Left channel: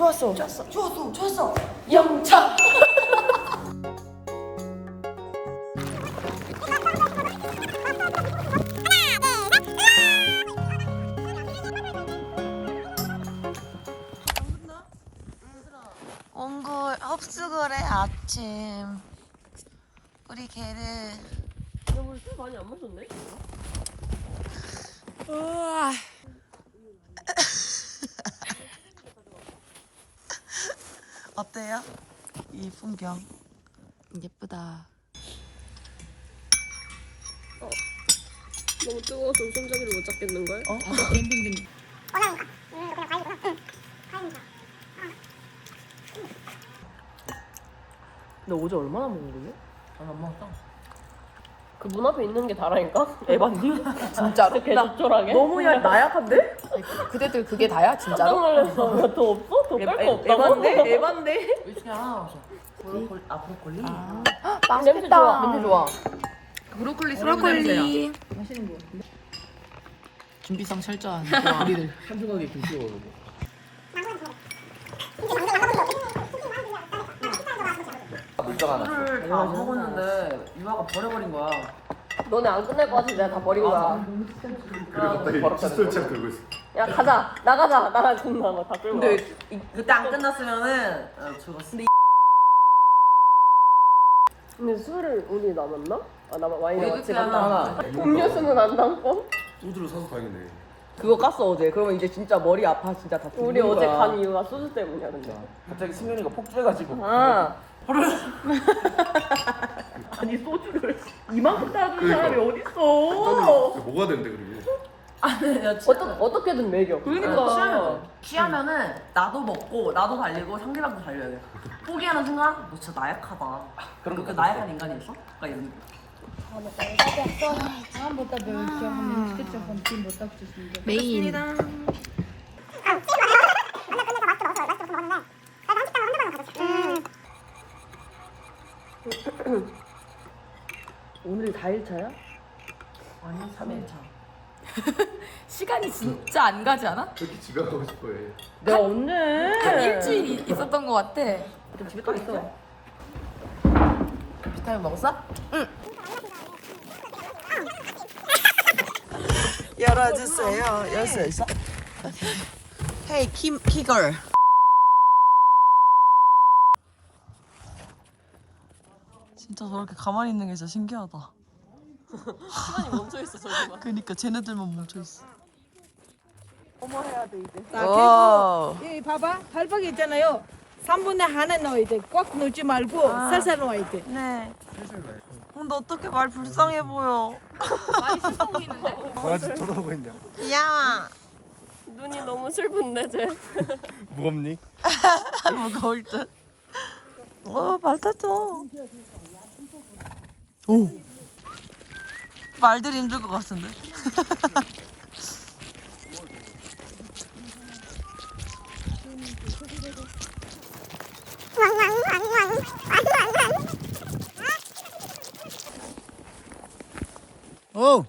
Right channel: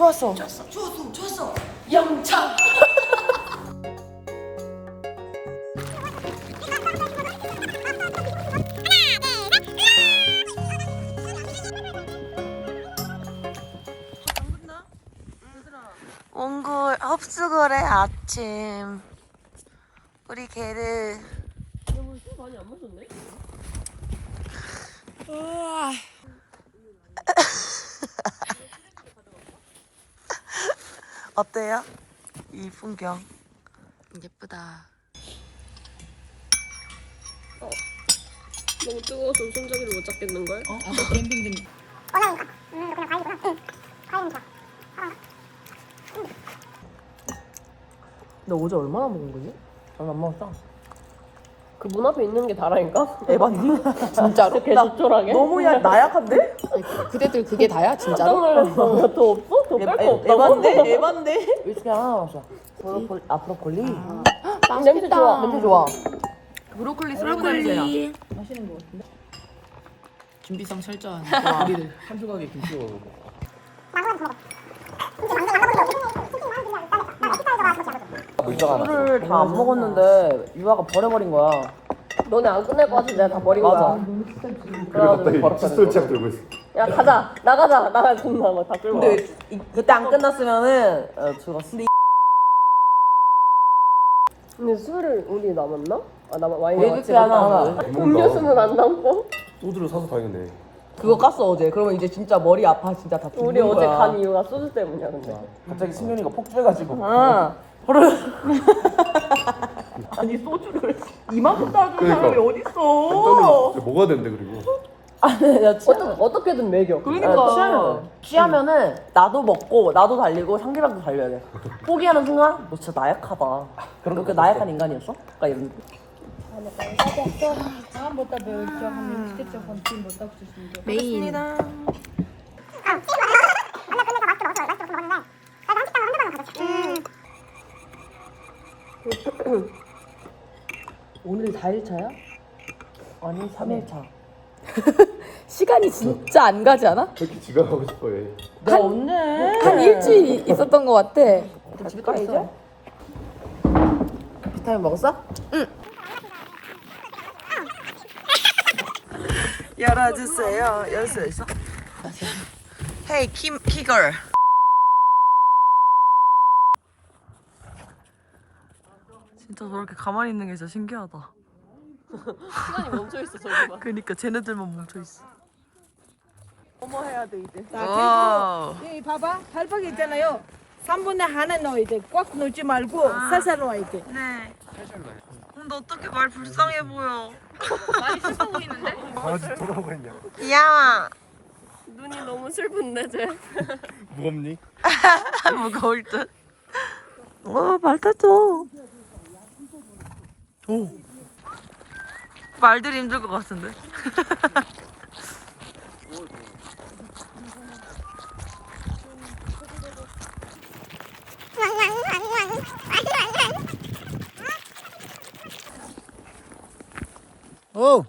좋았어. 좋았어. 영차. 몽골 흡수거래 아침. 우리 개를. 너무 술 많이 안 마셨네? 어때요? 이 풍경. 예쁘다. 너무 뜨거워서 손잡이를 못 잡겠는걸? 캠핑 너 어제 얼마나 먹는데? 난안 먹었어. 그 문 앞에 있는 게 다라니까? 에반니? 진짜로? 개 적절하게? 너무 나약한데? 그대들 그게 다야 진짜로? 더 없어? 더 뺄 거 없다고? 에반데? 에반데? 일주일에 하나 남았어. 브로콜리? 맛있겠다. 너무 좋아. 브로콜리. 준비성 철저한 우리는 한 조각의 김치가 술을 다 안 먹었는데 유아가 버려버린 거야. 너네 안 끝낼 것 같은데 내가 다 버리고 맞아. 가. 갑자기 칫솔 들고 있어. 야 가자. 나가자. 존나 다 끌고 와. 근데 그때 안 끝났으면은 죽었어. 근데 술을 우리 남았나? 아 와인 외국계 하나. 음료수는 안 남고? 소주를 사서 가야겠네. 그거 깠어 어제. 그러면 이제 진짜 머리 아파 진짜 다 죽는 우리 거야. 어제 간 이유가 소주 때문이야 근데. 갑자기 승현이가 폭주해가지고. 응. 아니 소주를 이만큼 따준 그러니까. 사람이 어딨어. 먹어야 되는데 그리고. 야 취하면. 어떻게든 먹여. 취하면은 나도 먹고 나도 달리고 상대방도 달려야 돼. 포기하는 순간 너 진짜 나약하다. 너 그 나약한 인간이었어? 그러니까 이런. 메인. 오늘 4일차야? 아니 3일차. 시간이 진짜 안 가지 않아? 저렇게 지각하고 싶어해. 내가 언제? 한 일주일 있었던 것 같아. 집에 가 이제? 비타민 먹었어? 응. 열어주세요. 열 수 있어? 헤이 키걸. 진짜 저렇게 가만히 있는 게 진짜 신기하다. 시간이 멈춰있어 저기만. 그니까 쟤네들만 멈춰있어. 자, 계속 여기 봐봐. 발박이 있잖아요. 3분의 하나 넣어야 돼. 꽉 넣지 말고 살살 넣어야 돼. 네. 근데 어떻게 말 불쌍해 보여. 강아지 쳐다보고 있냐? 귀여워. 눈이 너무 슬픈데 쟤. 무겁니? 무거울 듯. 밟혔죠. 말들이 힘들 것 같은데. 오.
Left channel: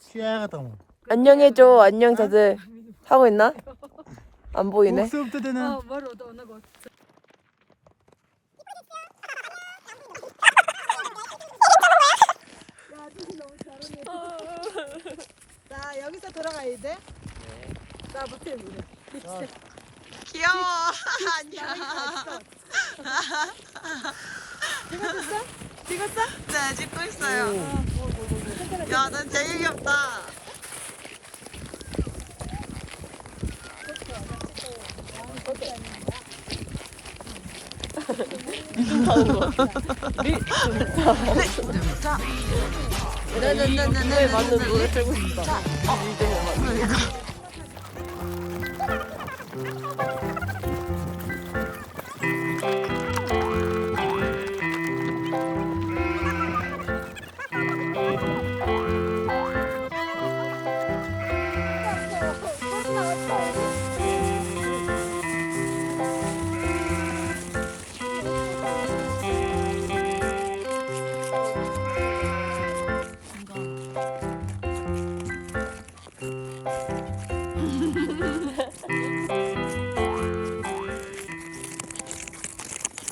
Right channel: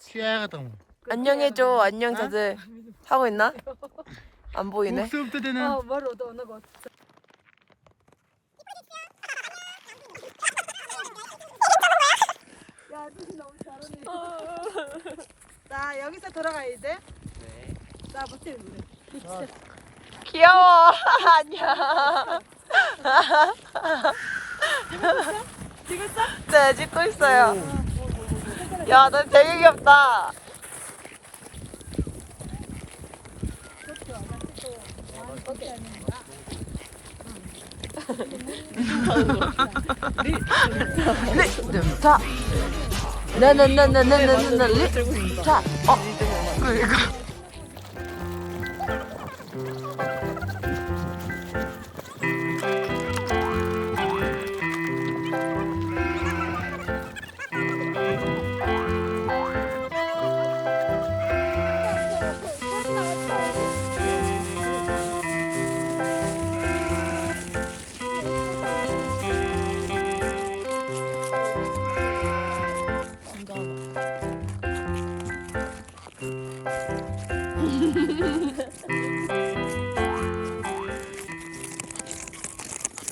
취해야겠다 뭐. 안녕해줘. 안녕 다들. 하고 있나? 안 보이네. 목소리부터 되는. 뭐로도 넣고. 자, 여기서 들어가야 돼. 자, 붙여. 귀여워. 안녕. 찍었어? 네, 찍고 있어요. 야, 넌 되게 귀엽다. 자, 나나나나나나나 자, 이거.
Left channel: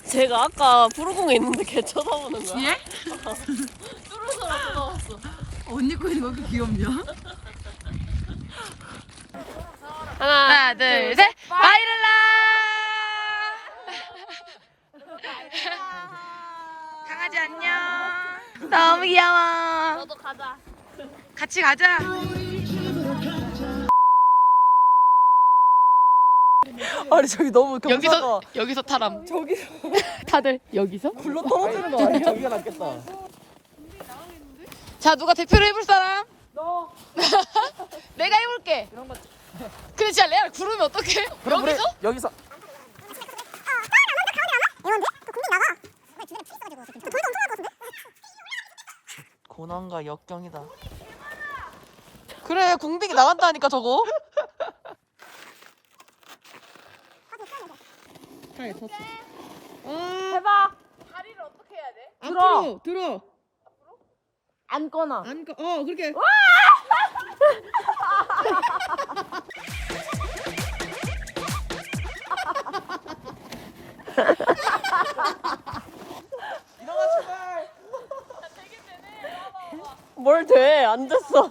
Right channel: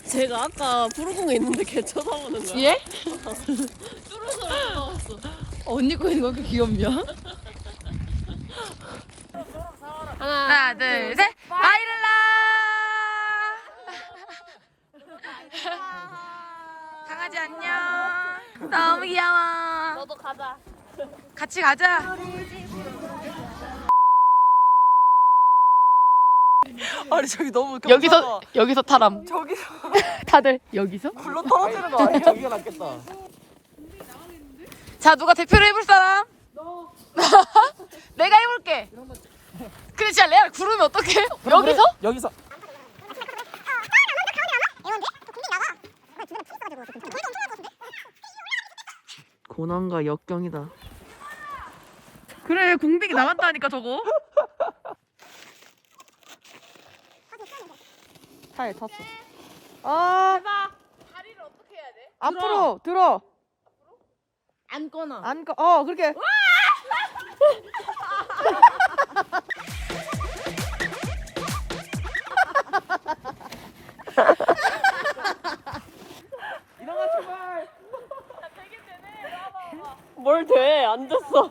제가 아까 푸르공에 있는데 걔 쳐다보는 거야. 뒤에? 뚜루서라 쳐다봤어. 언니 거 있는 거 그렇게 귀엽냐? 하나, 둘, 셋. 바이랄라. 강아지 안녕. 너무 귀여워. 너도 가자. 같이 가자. 아니 저기 너무 여기서 타람. 저기서. 다들 여기서? 불로 떨어지는 거 아니야? 저기가 낫겠다. 자, 누가 대표를 해볼 사람? 너. 내가 해볼게. 근데 진짜 레알 구르면 어떡해? 여기서? 여기서. 고난과 역경이다. 그래 궁빅이 나간다니까 저거. 타에 탔어. 해봐. 다리를 어떻게 해야 돼? 앞으로 들어. 앉거나. 앉고 그렇게. 뭘 돼? 안 됐어.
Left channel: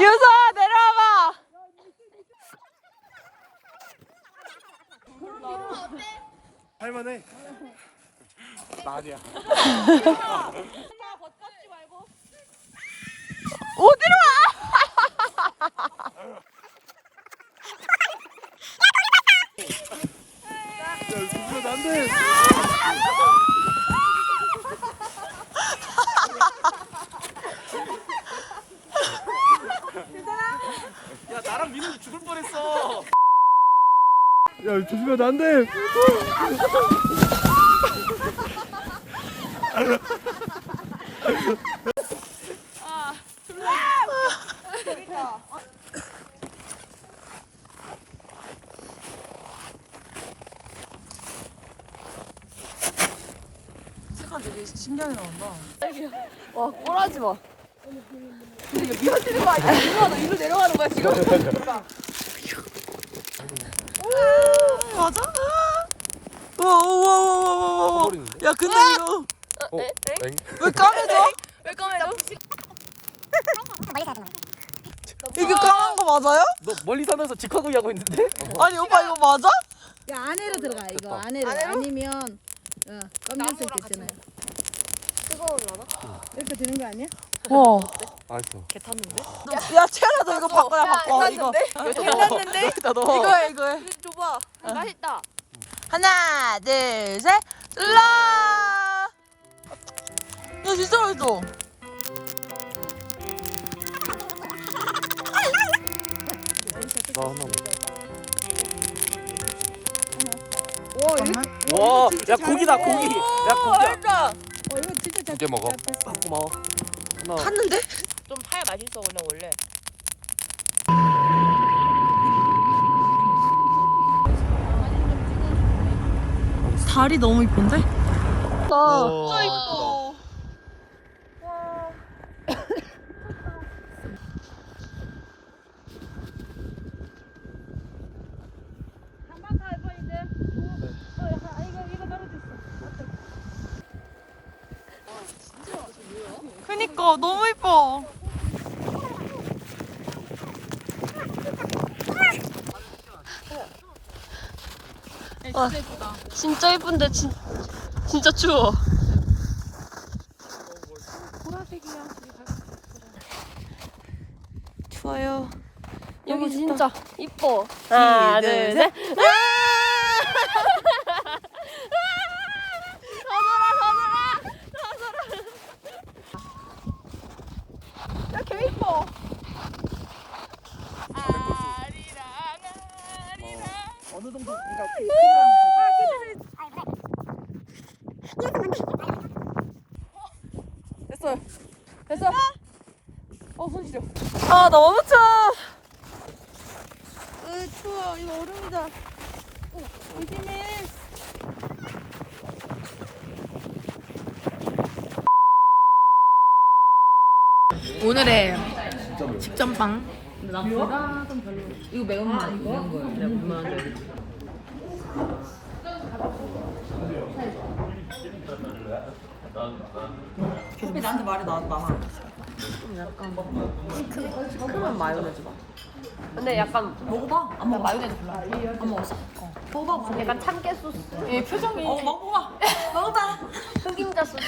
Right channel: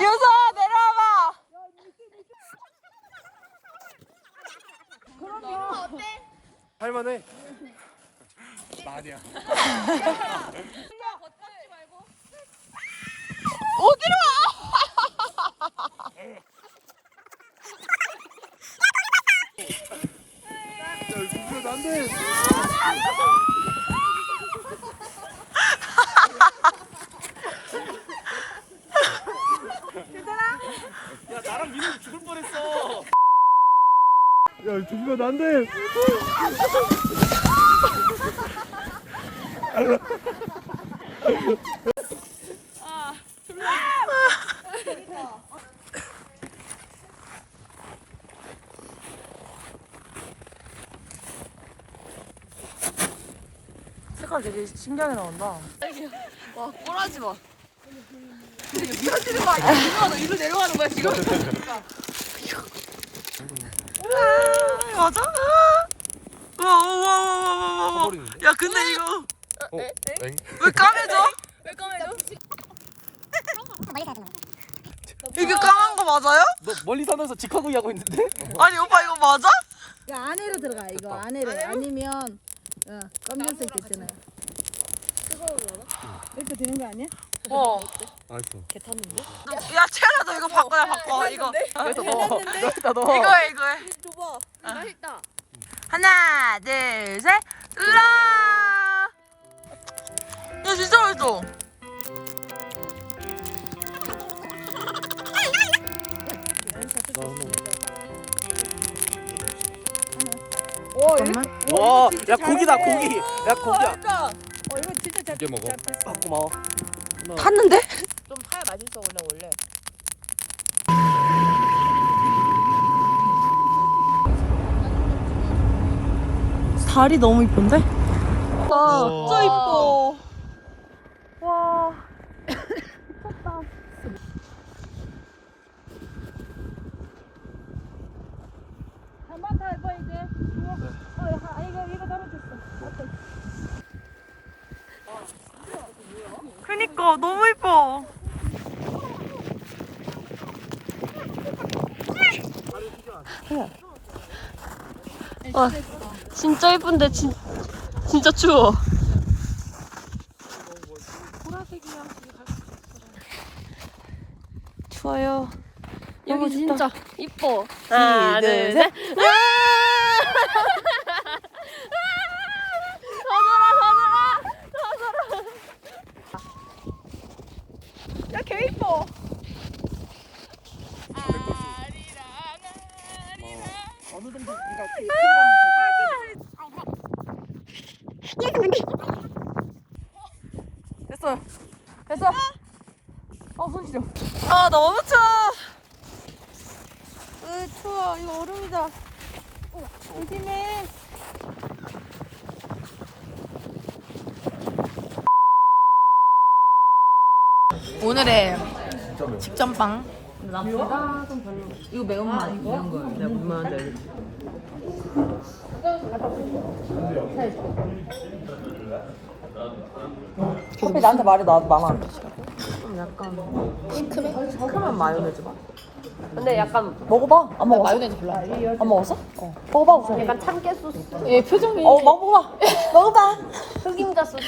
유서아 내려와봐. 할만해. 나 아니야. 어디로 와? 야 나랑 민우 죽을 뻔했어. 야 조심해 안 돼. 색깔 되게 신기하게 나온다. 와, 꼴하지 마. 맞아? 와. 야 근데 이거 왜 까매져? 왜 까매져? 이게 까만 거 맞아요? 너 멀리 사면서 직화구이 하고 있는데? 아니 오빠 이거 맞아? 야 안에로 들어가 이거 안에로 아니면 검정색 있잖아요. 이렇게 되는 거 아니야? 와. 알았어. 개 탔는데? 야 채연아 너 이거 바꿔 이거. 괜찮는데? 이거 해. 줘봐. 맛있다. 하나, 둘, 셋. 라. 야 진짜 맛있어. 잠깐만. 와, 야 고기다 고기. 야 고기야. 맛있다. 두개 먹어. 고마워. 탔는데? 좀 타야 맛있어, 원래. 달이 너무 이쁜데? 진짜 이뻐. 와. 한번 더 해봐 이제. 이거 떨어졌어. 그니까 너무 이뻐. 진짜 예쁜데, 진짜 추워. 좋아요. 너무 진짜 이뻐. 하나, 둘, 셋. 야개 이뻐. 어느 정도 네가 됐어. 손 시려. 아 너무 추워. 추워. 이거 얼음이다. 조심해. 오늘의 식전빵. 이거 매운맛 이런 거예요. 내가 불만한데. 커피 나한테 말해 나도 많아. 시큼한 마요네즈 맛. 근데 약간 먹어봐. 안 먹어. 마요네즈 별로 안 좋아. 안 먹었어? 어. 먹어봐 우선. 약간 참깨 소스. 얘 표정이. 먹어봐. 먹어봐. 흑임자 소스.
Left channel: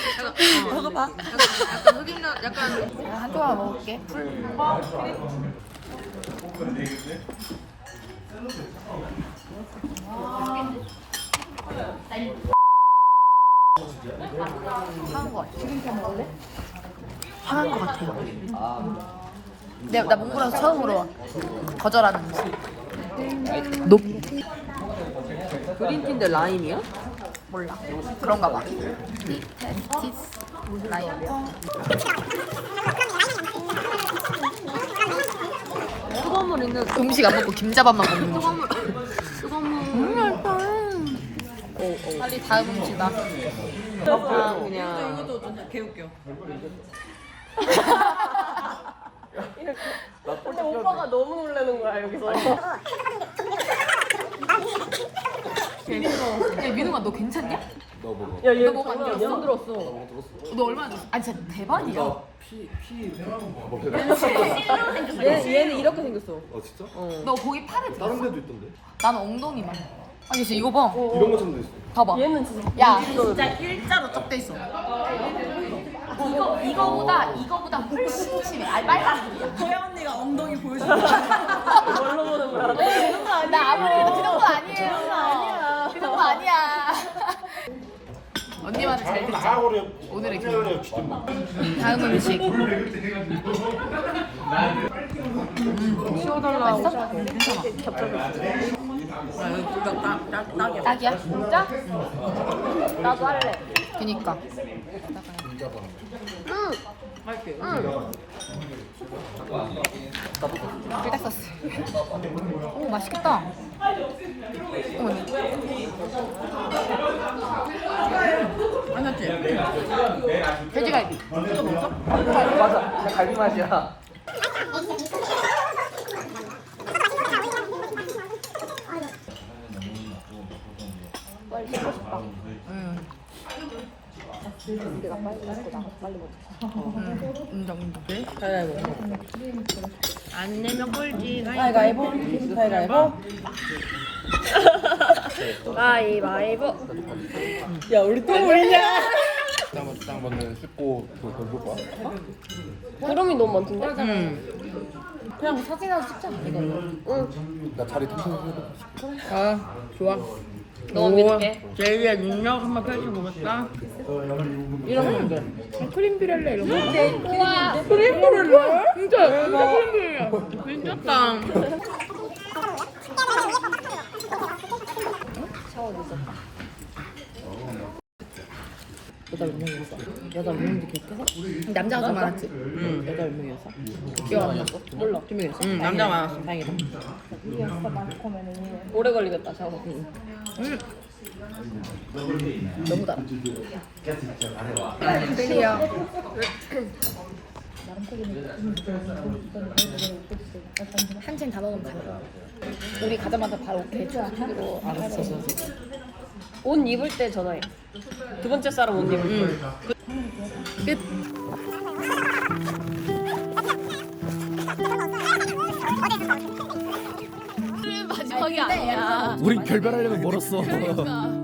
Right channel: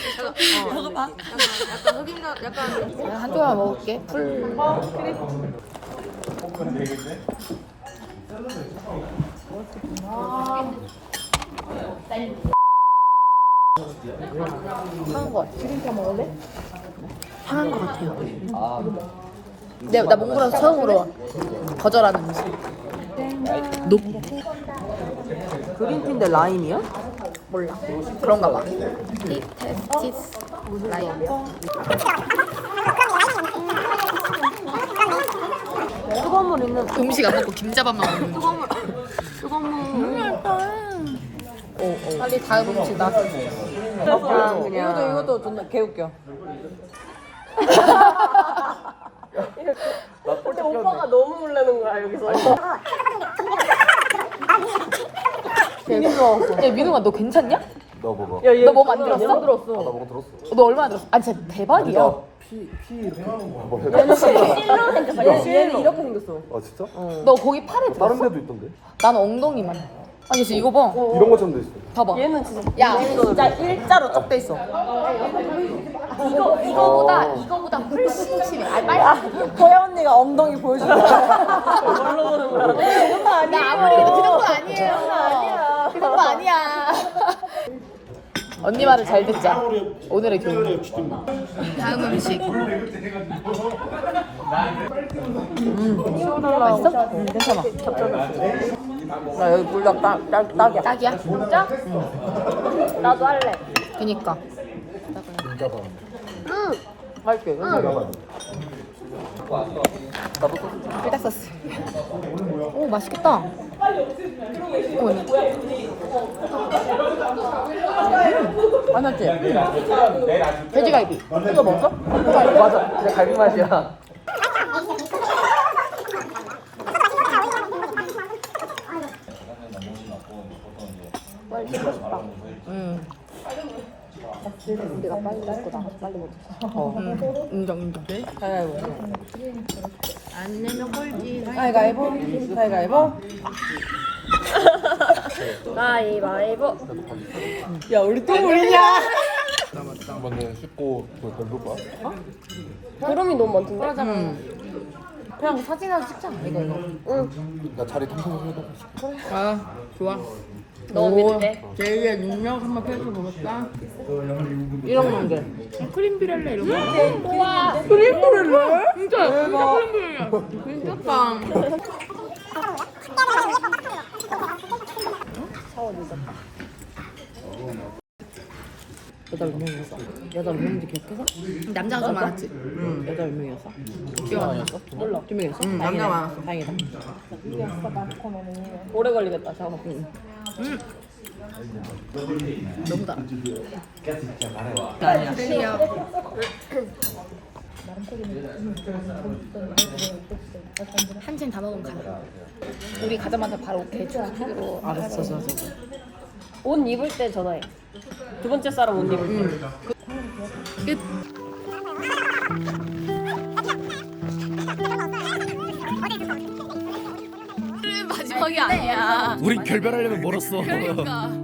먹어봐. 흑임자 약간 한 조각 먹을게. 풀. 상한 것 같아. 상한 것 같아요. 나 몽골에서 처음으로 거절하는 음식. 높. 그린피인데 라임이야? 몰라. 그런가 봐. 티테티스 라임. 음식 안 먹고 김자반만 먹는 음식. 빨리 다음 음식 나. 이것도 존나 개웃겨. 오빠가 너무 놀라는 거야 여기서. 야 민웅아 너 괜찮냐? 너 먹어. 너 뭐 만들었어? 나 먹어 들었어. 너 얼마나 들었어? 아니 진짜 대박이야. 얘는 이렇게 생겼어. 아 진짜? 너 거기 팔에 다른 들었어? 데도 있던데. 나는 엉덩이만. 아니 진짜 이거 봐. 이런 것처럼 돼 있어. 봐봐. 야 진짜 일자로 쩍 돼 있어. 이거보다 훨씬 심해. 아니 빨간색이야. 허야 언니가 엉덩이 보여준다. 나 아무리 해도 그 정도 아니에요. 그 정도 아니야. 언니 말을 잘 듣자. 오늘의 교훈. 다음 음식. 맛있어? 괜찮아. 나 여기 불닭 딱이야. 딱이야? 나도 할래. 그니까. 할게. 불닭 소스. 오 맛있겠다. 오, 네. 맛있지? 돼지갈비. 이거 먹었어? 갈비 맞아. 갈비 맛이야. 인정. 가위바위보. 안 내면 꼴찌. 가위바위보. 가위바위보. 가위바위보. 야 우리 팀 우리냐? 딱 맞는 씻고 돌 거야. 구름이 너무 많던데. 그냥 사진 하나 찍자. 이거. 나 자리 텅텅 아 좋아. 오 제이의 능력 한번 펼쳐보겠다. 이런 건데. 크림 비렐레 이런 거. 크림 비렐레? 진짜 크림 비렐레. 괜찮다. 여자 몇 명이었어? 여자 몇 명인지 기억해서? 남자가 좀 많았지. 여자 몇 명이었어? 기억 안 나. 몰라. 두 명이었어? 남자 많았어. 다행이다. 오래 걸리겠다 작업. 너무 달아. 클리어. 한 캔 다 먹으면 가자. 우리 가자마자 바로 대충 스피드로. 알았어. 옷 입을 때 전화해. 두 번째 사람 옷 입을 때. 끝. 마지막이 아니야. 우리 결별하려면 멀었어. 그러니까.